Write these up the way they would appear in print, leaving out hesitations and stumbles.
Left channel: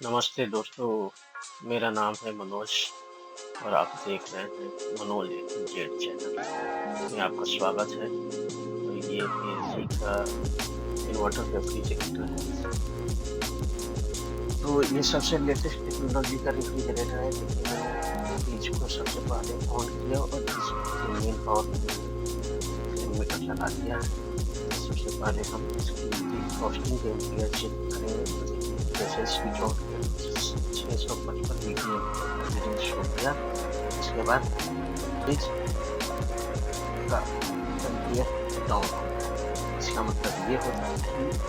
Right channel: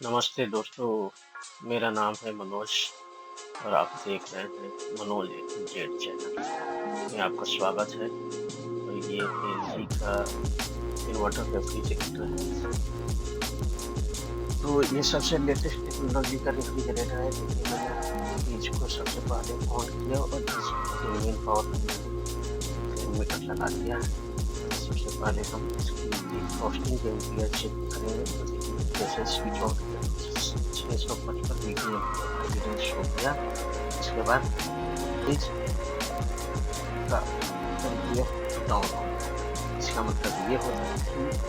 नमस्ते दोस्तों, मेरा नाम है मनोज और आप देख रहे हैं मनोज जेड चैनल में आपका स्वागत है। और ये एलजी का इन्वर्टर रेफ्रिजरेटर है। तो ये सबसे लेटेस्ट टेक्नोलॉजी का रेफ्रिजरेटर है। देखिए, मैंने फ्रिज को सबसे पहले ऑन किया और इसकी मेन पावर मीटर लगा दिया है। सबसे पहले हम इसकी डिफ्रॉस्टिंग टेम्परेचर चेक करेंगे। तो देखिए, जैसे स्विच ऑफ किया 655 ppm रीडिंग शो किया। इसके बाद फ्रिज का टेम्परेचर डाउन हो गया। इसका मतलब ये होता है कि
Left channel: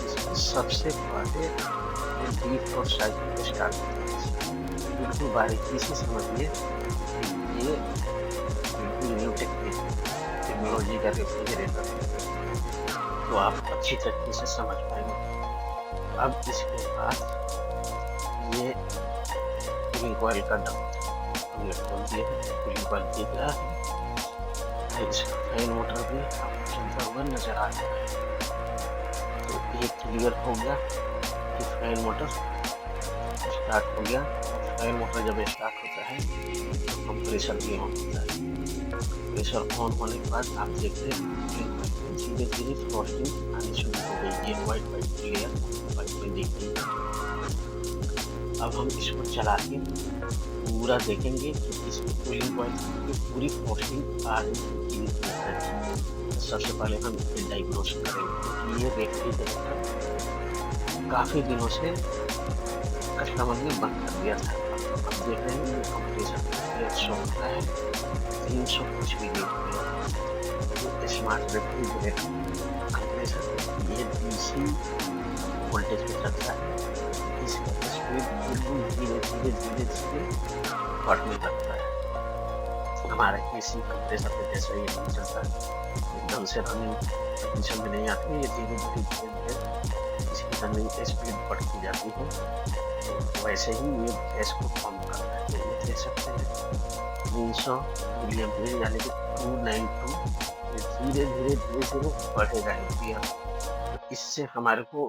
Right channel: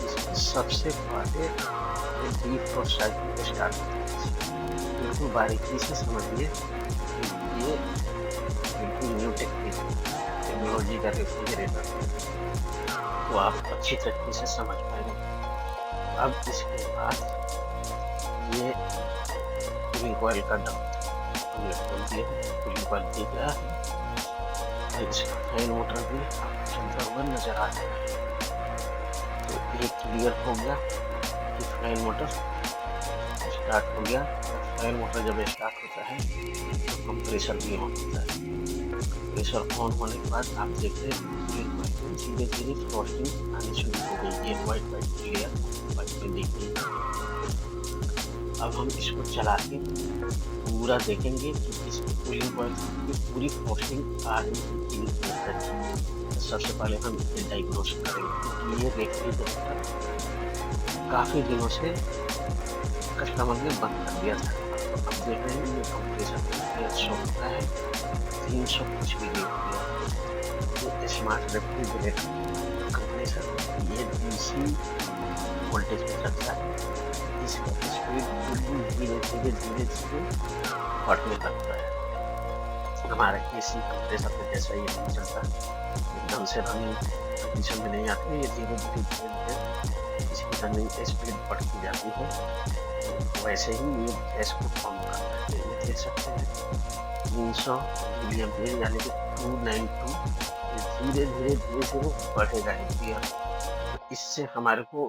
इसमें सबसे पहले डिफ्रॉस्ट साइकिल स्टार्ट होता है। बिल्कुल बारीकी से समझिए कि ये बिल्कुल न्यू टेक्नोलॉजी का रेफ्रिजरेटर है, तो आप अच्छी तरीके से समझ पाएंगे। अब इसके बाद ये कूलिंग कॉइल का डब्बा हमने खोल दिया है। कूलिंग कॉइल दिख रहा है और इसका फैन मोटर भी आपको चलता हुआ नजर आ रहा है। तो ये क्लियर हो गया कि फैन मोटर स्टार्ट हो गया। और फैन मोटर जब स्टार्ट होता है तो कंप्रेसर भी ऑन होता है। प्रेशर ऑन होने के बाद आप देख रहे हैं कूलिंग कॉइल में धीरे धीरे फ्रॉस्टिंग आनी शुरू हो गई। ये व्हाइट लेयर व्हाइट में दिख रही है। अब हम इसको चला के पूरा देखेंगे कि इसकी कूलिंग कॉइल की पूरी फ्रॉस्टिंग आ रही है कि नहीं। तो सबसे पहले हम इसे डायग्नोस करेंगे, क्योंकि ये रेफ्रिजरेटर काफी दिनों से कस्टमर ने बंद कर दिया था। तो अब देख रहे हैं ये कंप्रेसर शो होता है 300 कुछ भी नहीं हुआ। ये स्मार्ट रेफ्रिजरेटर कंप्रेसर ये डीसी वोल्टेज पे चलता है। इसका स्पीड बिल्कुल धीरे धीरे धीरे धीरे बढ़ने लगता है। हमारा एसी कंप्रेसर पे जैसा ये नहीं चलता है, एकदम से रनिंग कंडीशन में नहीं आती है। ये धीरे धीरे धीरे धीरे इसकी रनिंग स्पीड बढ़ती जाती है। तो वैसे ही ये गैस को कम करता है। ये देख सकते हैं 300 मिलीएम्पियर यानी कि 292 धीरे धीरे धीरे धीरे बढ़ेगा एम्पियर। तो इससे हमारे को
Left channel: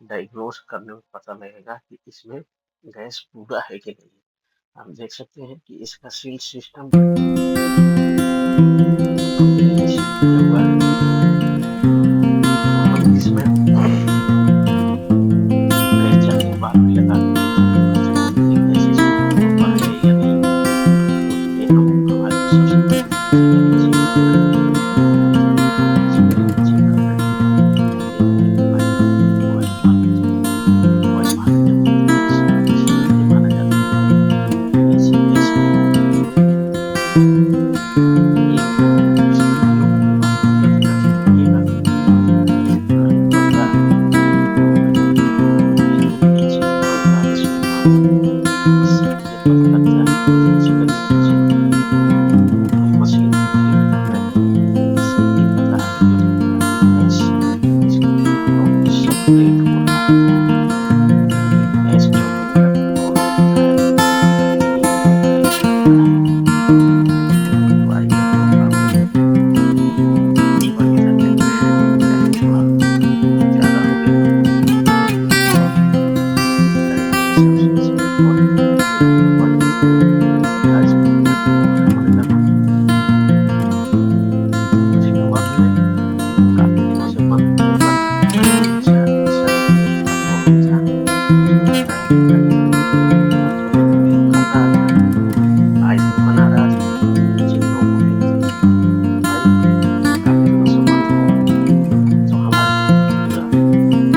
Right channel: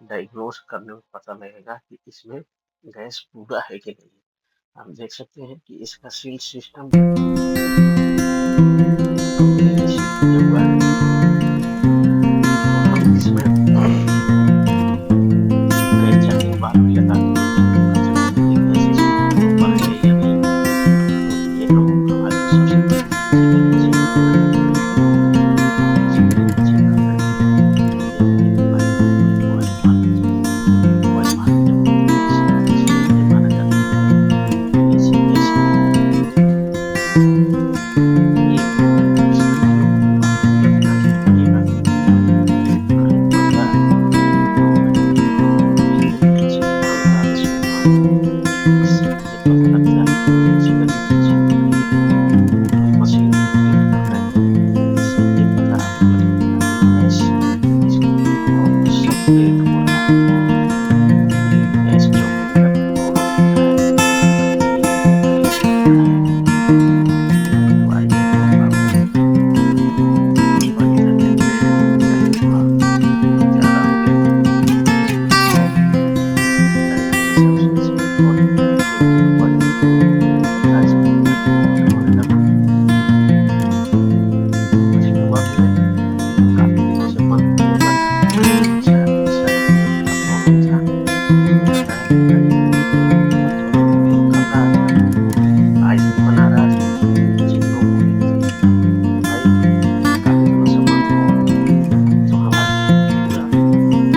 डायग्नोस करने में पता लगेगा कि इसमें गैस पूरा है कि नहीं। आप देख सकते हैं कि इसका सील सिस्टम कंपनी ने सील किया हुआ है। तो हम इसमें गैस चेकिंग वाल्व भी लगा के कर सकते हैं कि गैस इसमें प्रॉपर है या नहीं। तो ये हम हमारे को सबसे पहले फिजिकली चेक करना है। ठीक है, तो हम फिजिकली चेक कर रहे हैं। जब माना जाता है तो इसे गैस ये इस वीडियो को आप पूरा ध्यान से देखिएगा। कहीं पता जो पीछे कान लगा के सुनना, इससे ये पता लगता है फिजिकली चेक करते हैं हम मशीन को हीट कर रहे हैं। इससे ये पता आपको लगेगा कि गैस इसका प्रॉपर सेपरेट हो रहा है। गैस चॉकिंग का प्रॉब्लम होता है तभी ये रिलीज करता है। तो आइए आपको वाली देखते हैं। टाइम थोड़ा ज़्यादा हो गया और टाइम के हिसाब से इसमें और होने लगा। कस्टमर ने काफ़ी दिनों से बंद किया हुआ था। मैंने पूछा सर क्या प्रॉब्लम था। उसने बताया कि भाई थोड़ी कूलिंग कर रहा था, आइस भी बना रहा था, नीचे नो कूलिंग थी। तो भाई काफ़ी दिनों से बंद था, तो हमारे पूरा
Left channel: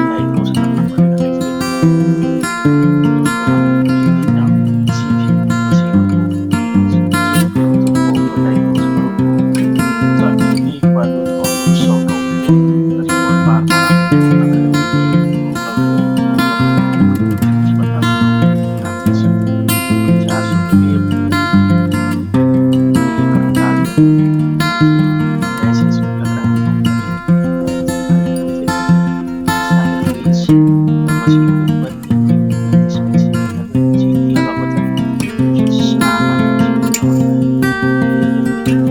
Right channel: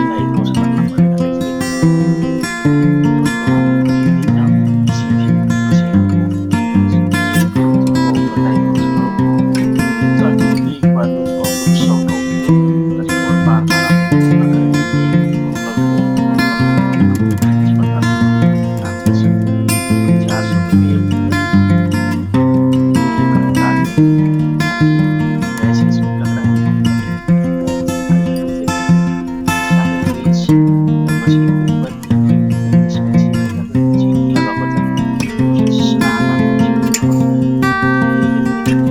डायग्नोस करना पड़ेगा रेफ्रिजरेटर। क्योंकि दोस्तों आप कहीं भी जाओ किसी भी मशीन को चेक करो तो प्रॉपर डायग्नोस करो, ताकि एक बार में प्रॉब्लम सॉर्ट आउट हो। कस्टमर बार बार आपको फोन ना करे कि ये प्रॉब्लम है, प्रॉब्लम कुछ बताते रहो। आप देख सकते हैं 400 मिलीएम्पियर ये करंट आ गया, यानी गैस इसमें लग रहा है प्रॉपर है। आइए हम देखते हैं सारे फ्रीज या मशीन के ऊपर एक स्पेसिफिक चीज लगा होता है, उसमें सारा कुछ लिखा होता है। ये रेफ्रिजरेटर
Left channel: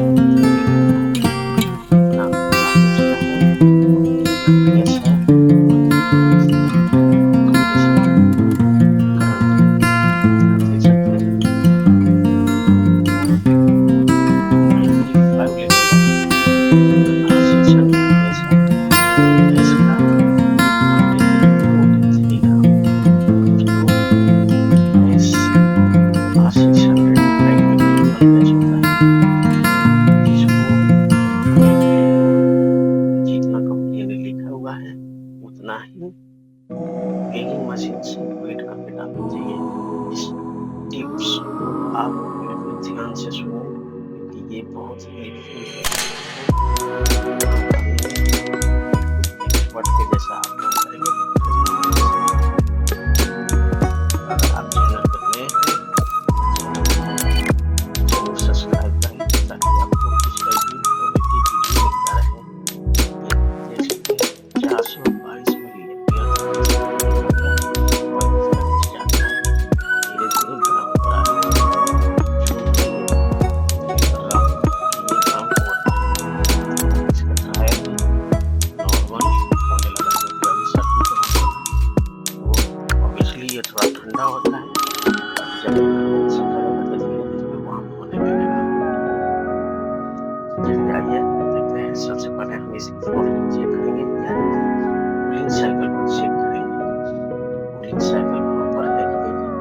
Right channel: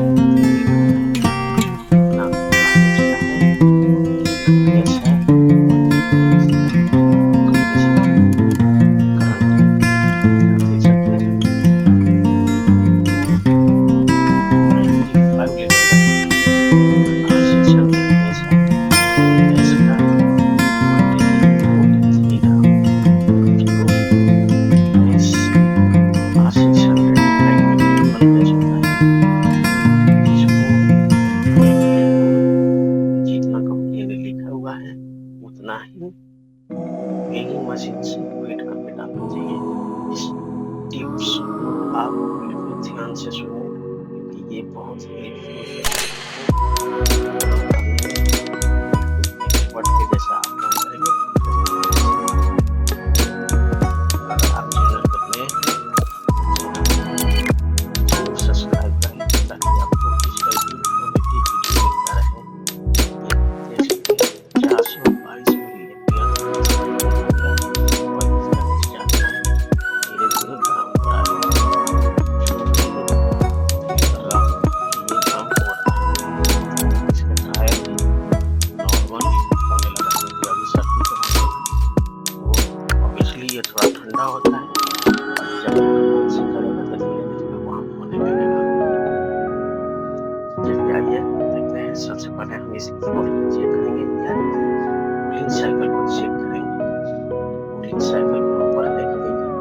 कितना वाटेज का है और कितना गैस है और कंप्रेसर का करंट है। देख सकते हैं 295 लीटर का सेक्शन गैस है और गैस का क्वांटिटी 43 ग्राम। दोस्तों gas R600 highly available gas होता है जिसको हमें बिल्कुल जितना कंपनी ने लिखा हुआ है उतना ही बेकिंग मशीन से वेट करके डालना चाहिए। इस टिप्स को आप बिल्कुल ध्यान से सुने क्योंकि ये बहुत हेल्पफुल है काम करने में। बिल्कुल एक्सपर्ट के जैसा आप काम करेंगे। अगर आप चैनल पर नए हैं चैनल जरूर सब्सक्राइब करें ताकि आपको इस टाइप की इंफॉर्मेटिव वीडियो मिलता रहे। ये देख सकते हैं 422 मिलीएम्पियर और इसका डिस्चार्ज है धीरे धीरे गर्म हो रहा है। जो कि ये कर रहा हूँ कि ये गर्म हो रहा है। इसका ट्रायल भी नॉर्मल होने लगा क्योंकि अभी सर्दी का मौसम है तो ऑब्वियसली ये थोड़ा ठंडा होता है बट जब ये कन्वेंस से करेगा तो धीरे धीरे वार्म होने लगेगा। चलिए आइए देखते हैं। सबसे पहले हम इसकी थ्रॉटलिंग चेक करेंगे यानी कि कूलिंग साइकिल को चेक करेंगे कूलिंग साइकिल प्रॉपर है कि नहीं है।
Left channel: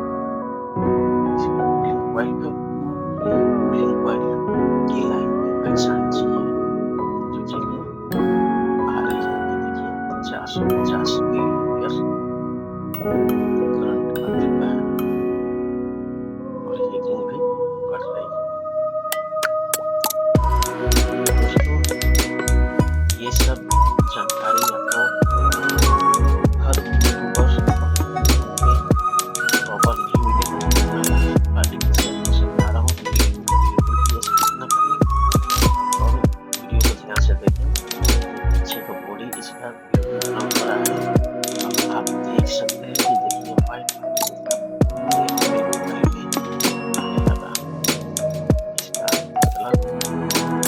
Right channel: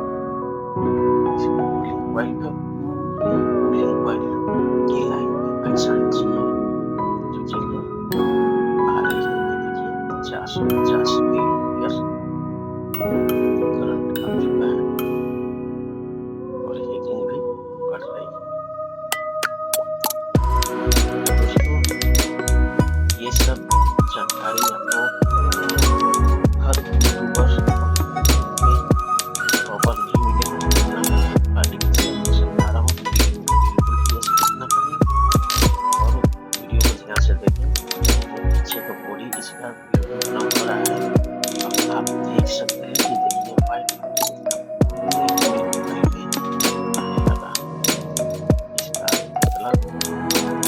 इसकी कूलिंग कॉइल पे कूलिंग कॉइल की लाइन भी पहचाननी चाहिए। तो चलिए आ रही है ये देखिए 450 मिलीएम्पियर करंट आ चुका है और हीटिंग भी बढ़ रही है। दोस्तों ये सब जानकारी आपको हर यूट्यूबर प्रॉपर नहीं मिलेगा जितना मैं आर्टिफिशियल को समझा रहा हूँ। वीडियो को बिल्कुल भी स्किप न करें और वीडियो को ध्यान से देखें। जो पीछे का बॉडी इसका बिल्कुल बना हो रहा है अब आप देख सकते हैं कि देखिए वाइट आने लगा। इसका मतलब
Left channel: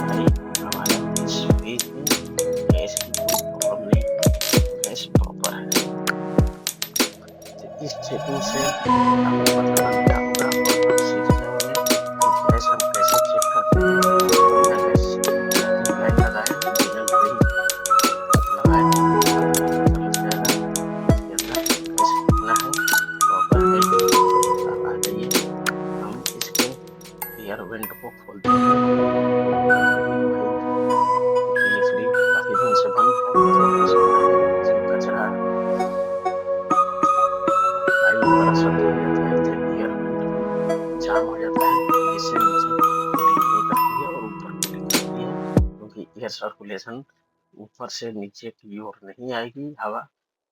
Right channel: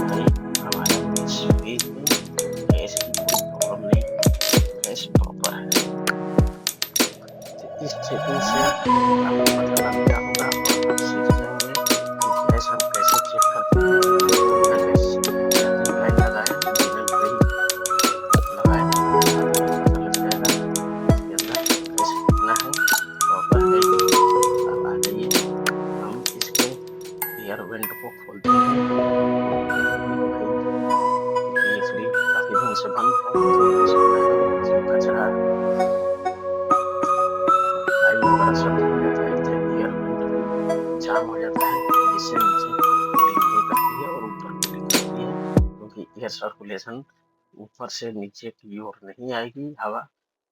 भाई हमारा इस फेज में गैस की कोई प्रॉब्लम नहीं है, गैस प्रॉपर है। तो इस चेकिंग से आपको पता लग गया होगा और आप सीख जाएंगे कि गैस हम कैसे चेक करते हैं। बिना गैस सेटिंग लाइट लगाए बिना घड़ी लगाए आपको पता लग जाएगा इसके अंदर गैस कितना है प्रॉपर है। अब आ जाइए हम इसके एयर वेंट को खोलते हैं। क्योंकि ये फ्री काफी दिन से बंद है तो हो सकता है इसमें कचरा पाइप वगैरह सब जम जाता है तो एयर वेंट भी जाम हो जाता है जिससे नीचे कूलिंग नहीं करती है और ऊपर कूलिंग करती है क्योंकि एयर सर्कुलेशन ऊपर से नीचे की ओर नहीं आएगी हवा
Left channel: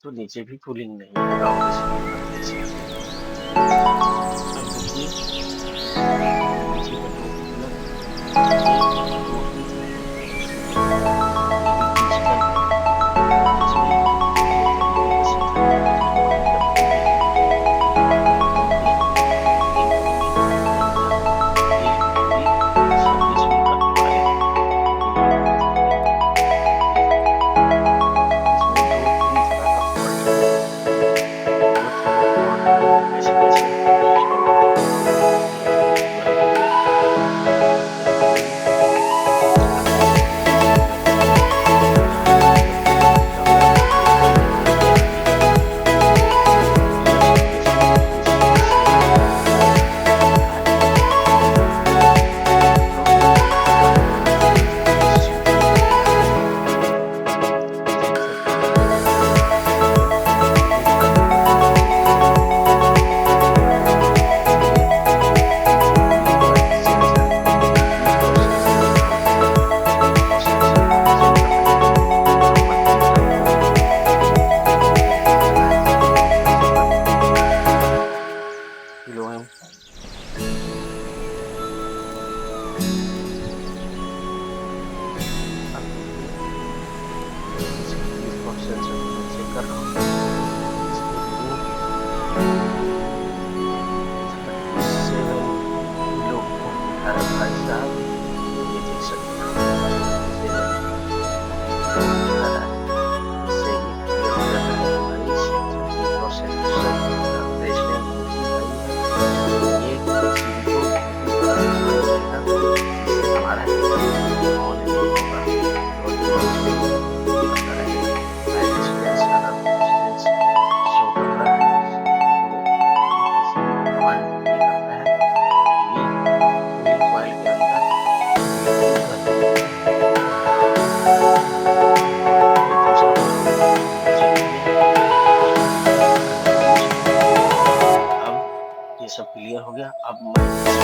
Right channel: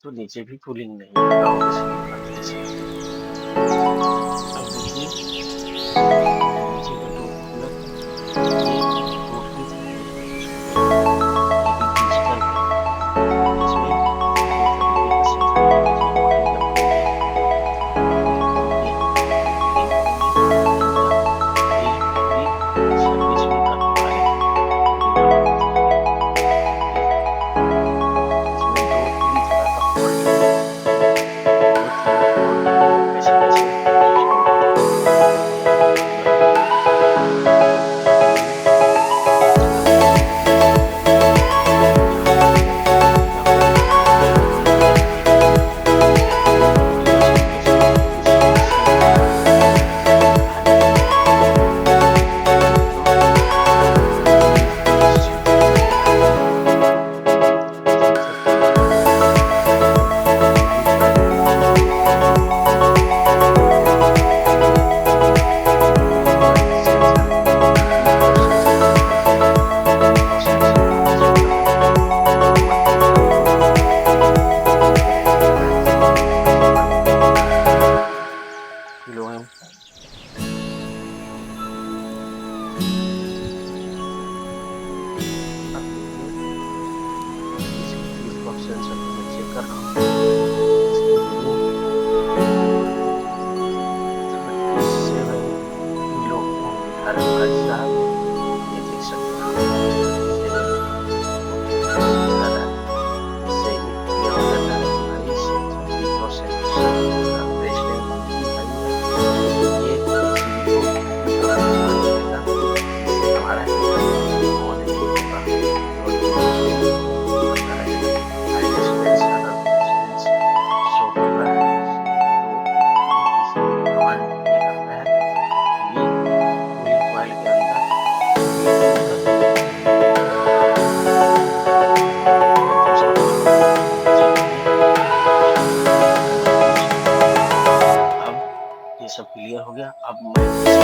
तो नीचे भी कूलिंग नहीं आएगा ऑब्वियसली बात है। अब देखिए नीचे का दो कूलर ये टोटली डिजिटल है इसमें दो तरीके का सेटअप है। देखिए पानी का टंकी है ये पूरी सर्विस भी करने वाले हैं पूरी लोग इसमें दो तीन तरह का फॉल्ट है। दो तीन फॉल्ट को कैसे कैसे सॉल्व करते हैं ये आपको पूरा वीडियो में देखेंगे। आप देख सकते हैं सबसे पहले यहाँ पर जो लिखा हुआ है हाइड्रोलिक एंटी रिवर्स प्रेशर इस से हाइड्रोलिक तो आपको इस सेंसर पर क्या है सेंसर पर ऊपर ये cooling coil sensor in process से कंट्रोल करेगा। इन प्रोसेस से हम चेक कर रहे हैं मल्टीमीटर को ये लगाए थे सबसे पहले किलो एम। अब देखिए इसकी लीफ सेंसर को मैं चेक कर रहा हूँ इसकी रीडिंग 37 किलो ओम दिखा रहे भाई साहब। ये देख सकते हैं आप 37 किलो ओम दिखा रहा है। इससे ये क्लियर हो जाता है कि भाई सेंसर की प्रोसेस रेजिस्टेंस कितनी हाई है। ये सब क्लियर हो गया। अब मैं इसमें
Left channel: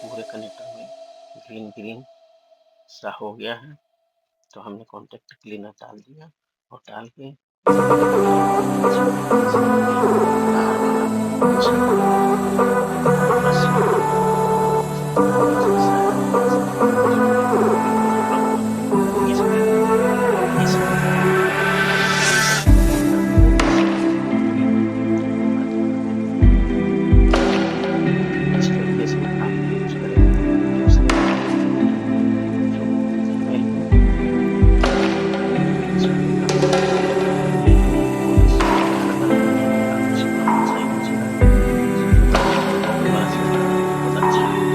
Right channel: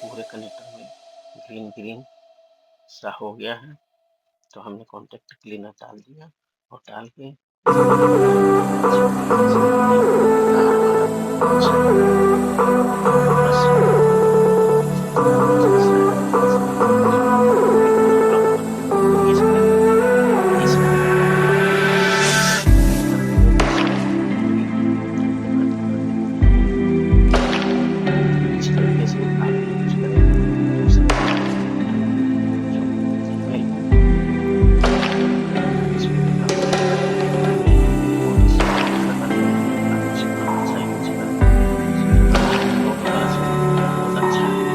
पूरे कनेक्टर में ग्रीन ग्रीन सा हो गया है। तो हमने कॉन्टेक्ट क्लीनर डाल दिया और डाल के इस तरीके से आप यूज करें दूसरे जो फीमेल बहुत अच्छा है।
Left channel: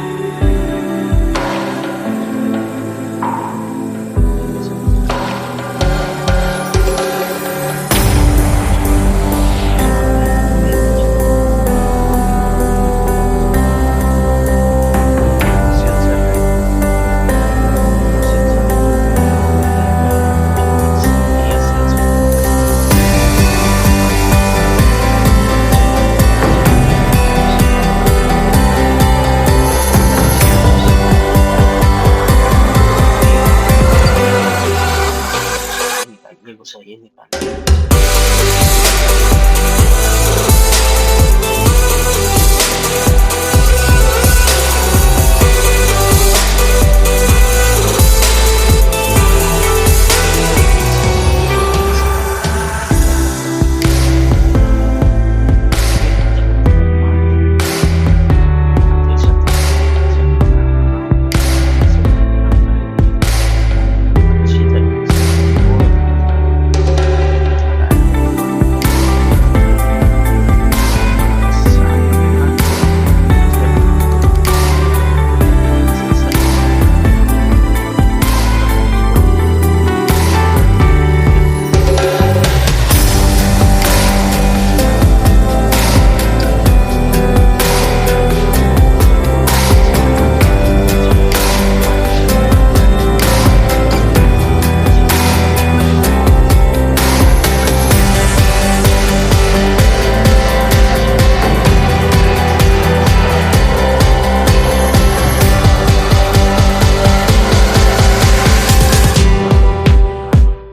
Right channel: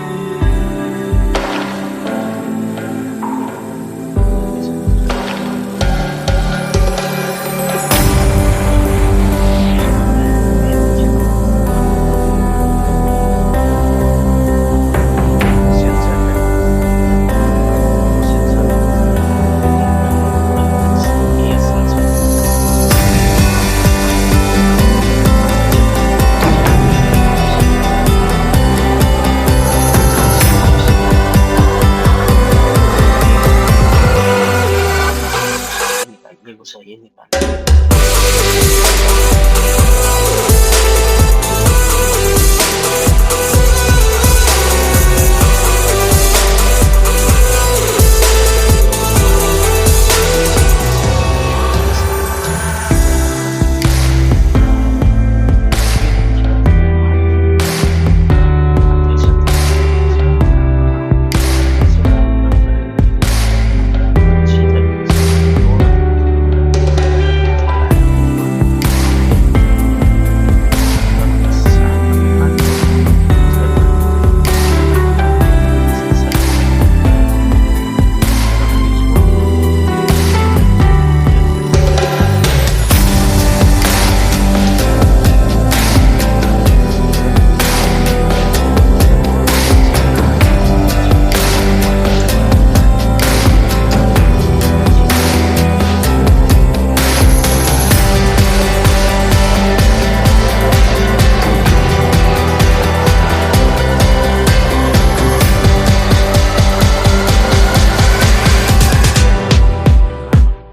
निकालिए घुसाइए निकालिए।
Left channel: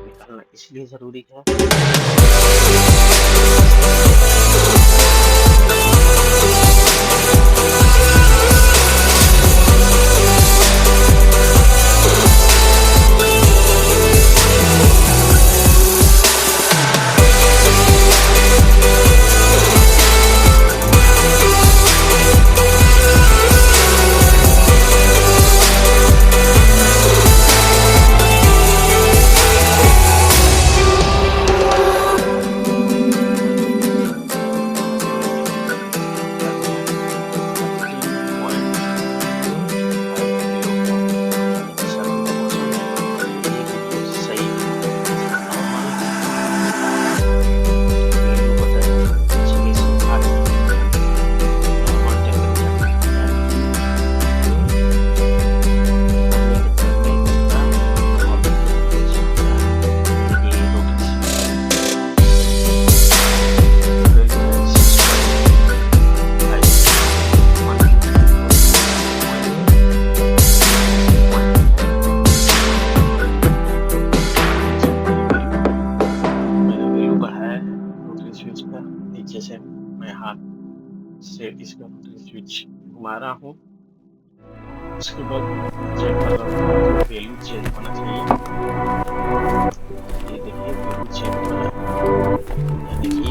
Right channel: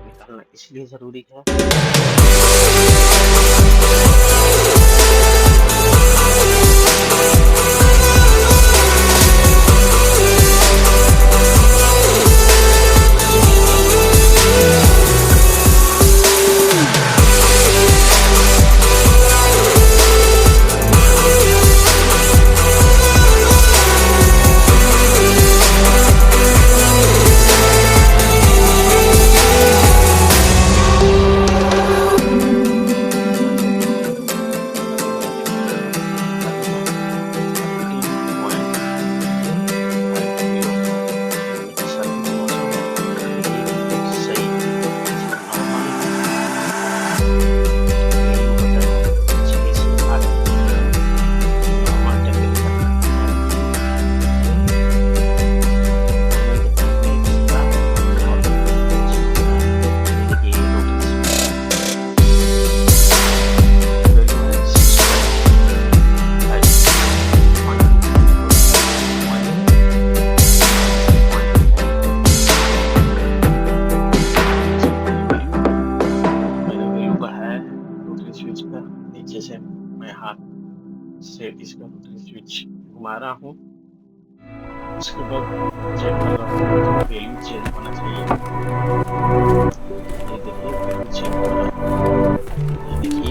निकालना इसलिए जरूरी है स्विच का नीचे से मैं हाथ से इसका स्विच घुमा रहा हूँ उसके बाद चेक कर रहा हूँ तो वैल्यू चेंज होना चाहिए। ये देखिए वैल्यू चेंज हो रहा है, यानी कि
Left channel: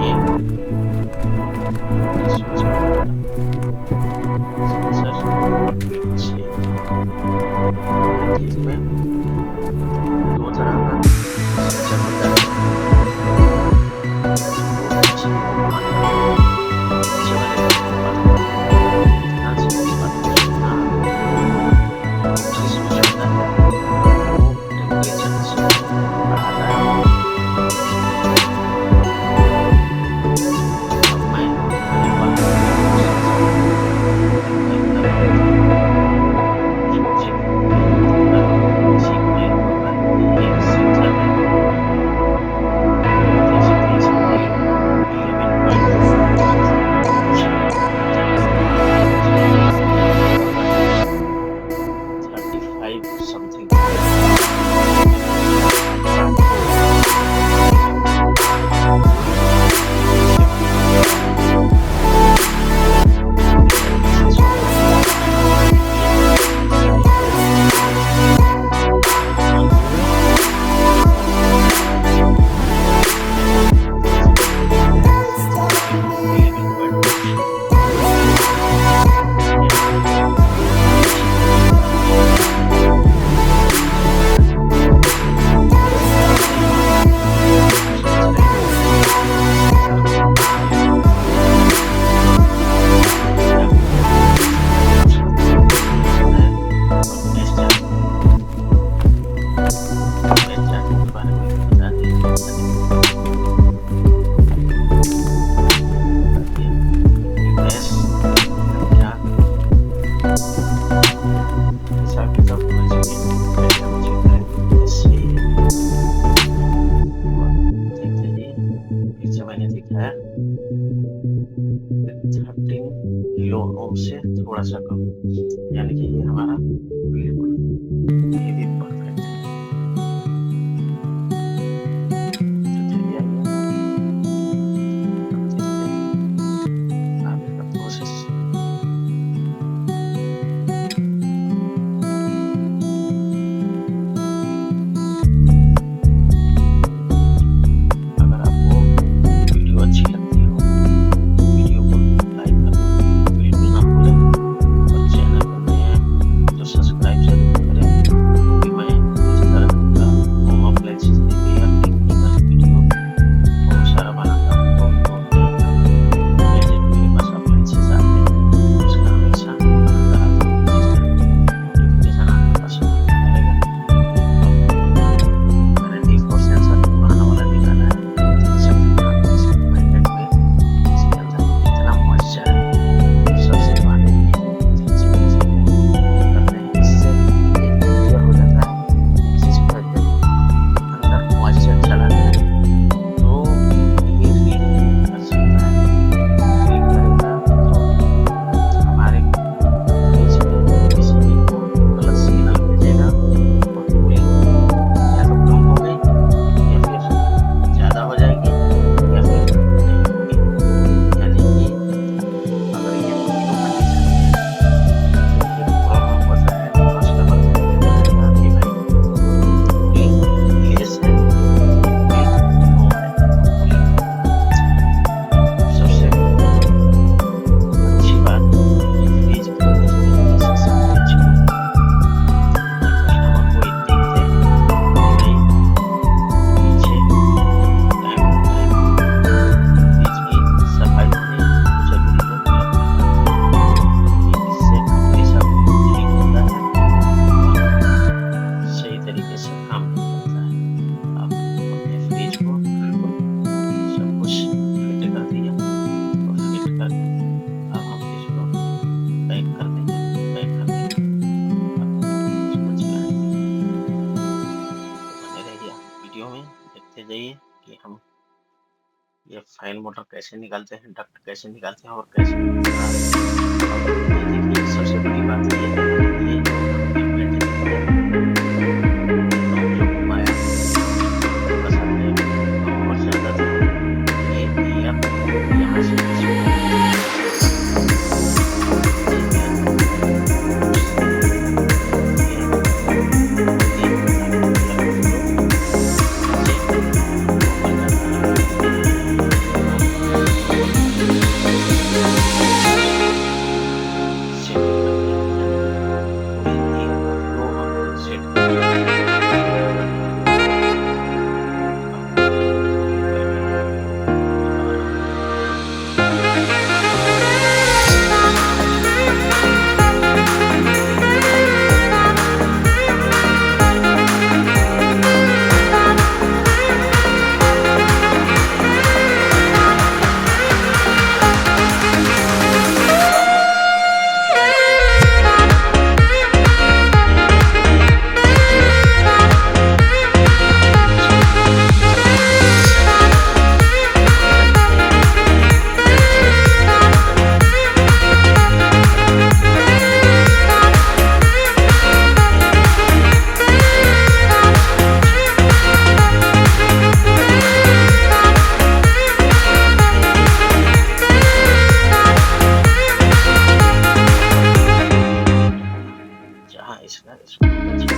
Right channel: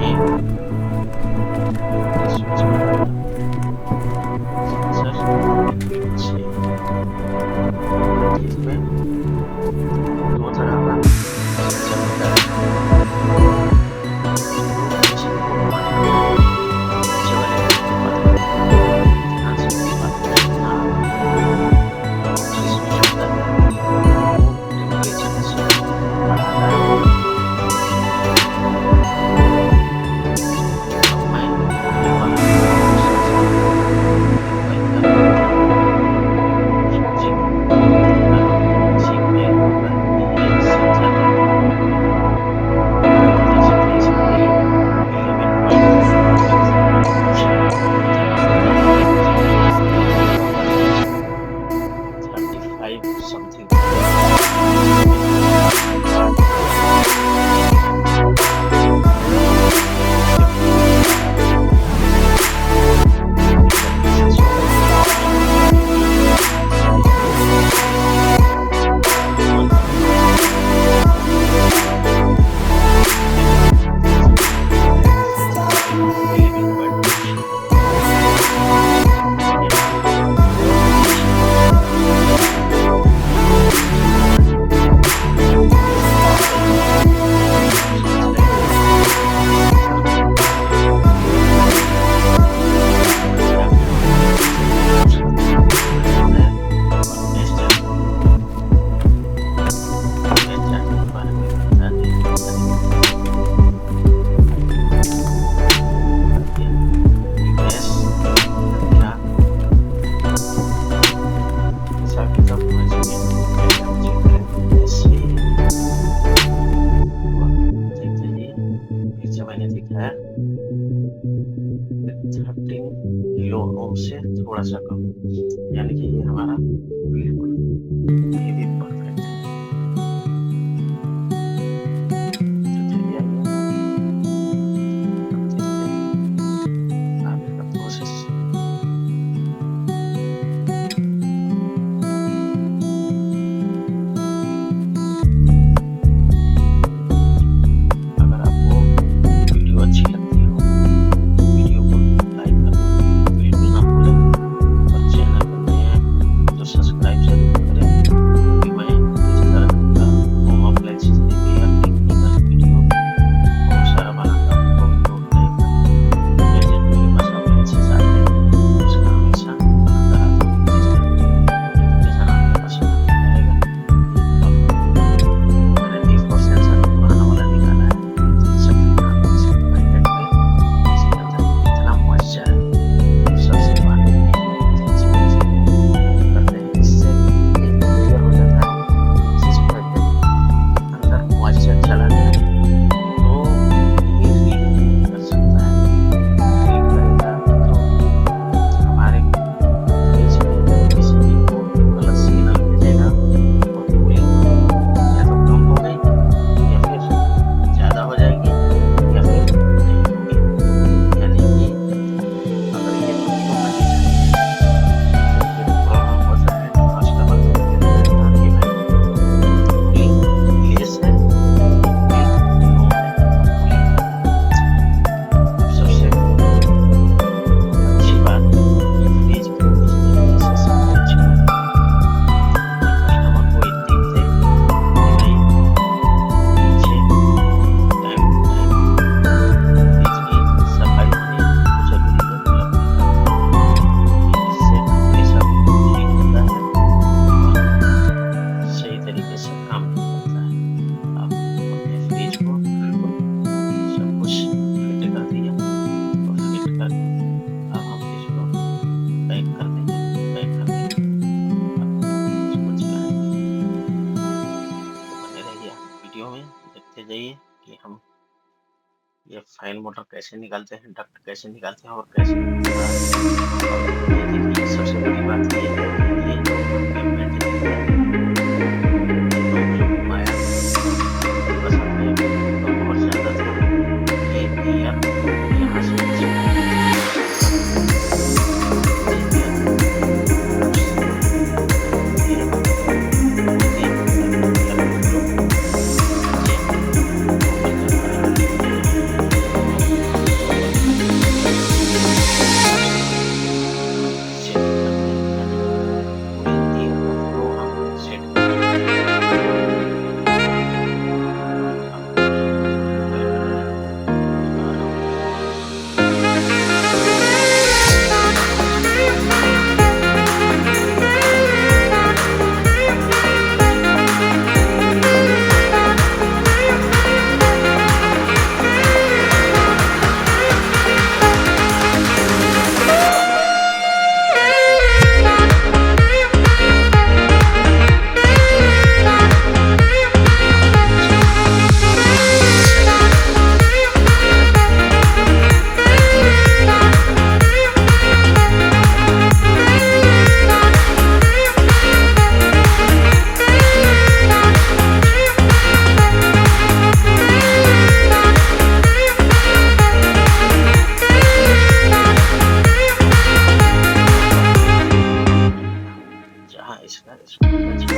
ये स्विच कर देगा। सर बिल्कुल सही है। इसमें दो तरह का सेंसर होता है, तो मशीन को घुमाना होता है। नीचे वाले को घुमाना होता है। ध्यान से मेरी बात को सुनना। जो स्विच होता है वो टेम्परेचर से बढ़ाता है। अब मैं आने वाला सेंसर एक बार उसको चेक कर रहा हूँ। इसी में होगा ये सेंसर है, देख सकते हैं इसकी वैल्यू 35 समथिंग। मैंने देखा है 13 किलो ओम से थोड़ा सा कम, यानी कि ये हमारा बिल्कुल ये भी परफेक्ट है। तो चलिए आइए अब देखते हैं आगे का प्रोसेस। अगर आपको वीडियो अच्छी लगती हो तो वीडियो को लाइक करना बिल्कुल ना भूलें, और चैनल पर नए हैं तो सब्सक्राइब जरूर करें, क्योंकि मैं इस तरह का home appliance repair technical video बहुत सारा बनाता हूँ। बहुत गैजेट मेरे पास अप्लायंसेस आते हैं, उसका हमेशा बनाता रहता हूँ, जिसका नोटिफिकेशन आपके पास आता रहेगा। मैंने D4 सेंसर पुराना वाला निकाला है, देख सकते हैं आप इसके पैकेट में। इसके अंदर इतना मॉइस्चर है, सबसे पहले करते हैं, इससे ये क्लियर हो जाता है जिस पैकेट के अंदर मॉइस्चर चला गया तो ये रीड कर सकता है। रीड करेगा तो हमारे फ्रिज में किसी भी को गलत सिग्नल भेजेगा और कूलिंग या तो कम हो गई या फिर ज़्यादा हो जाएगी या फिर नहीं होगी। यानी कि अगर ये तीनों कंडीशन में जब ये प्रॉब्लम होता है तो कस्टमर को कहता है कि भाई कूलिंग लेस है, कूलिंग लो है, कूलिंग। अब सबसे अच्छी बात ये फ्रिज की इस तरीके से सफाई चाहिए कस्टमर को ये दिखते कि भाई पीछे टाइम टू टाइम फ्रिज की सफाई होनी बहुत जरूरी है। इससे हमेशा हीट होता है और सही तरीके से काम भी करता है। आप अपने फ्रिज को बिल्कुल सब कुछ फिट कर दिया और फिट करके अब हम इसको पैक कर देंगे। पैक करके अब इसको चलाएंगे। तो बने रहिए आप वीडियो में, देखते जाइए कि हम ये फाइन मोटर कैसे निकालते हैं, डक्ट कैसे निकालते हैं और कैसे पूरा। और ये देखिए सबसे बड़ी बात ये है कि ये जो हमने मेंटेनेंस है, ये नॉब जो घुमाया थोड़ा सा कम और ज़्यादा था, ये एयर यहाँ से इसको फेसबुक पे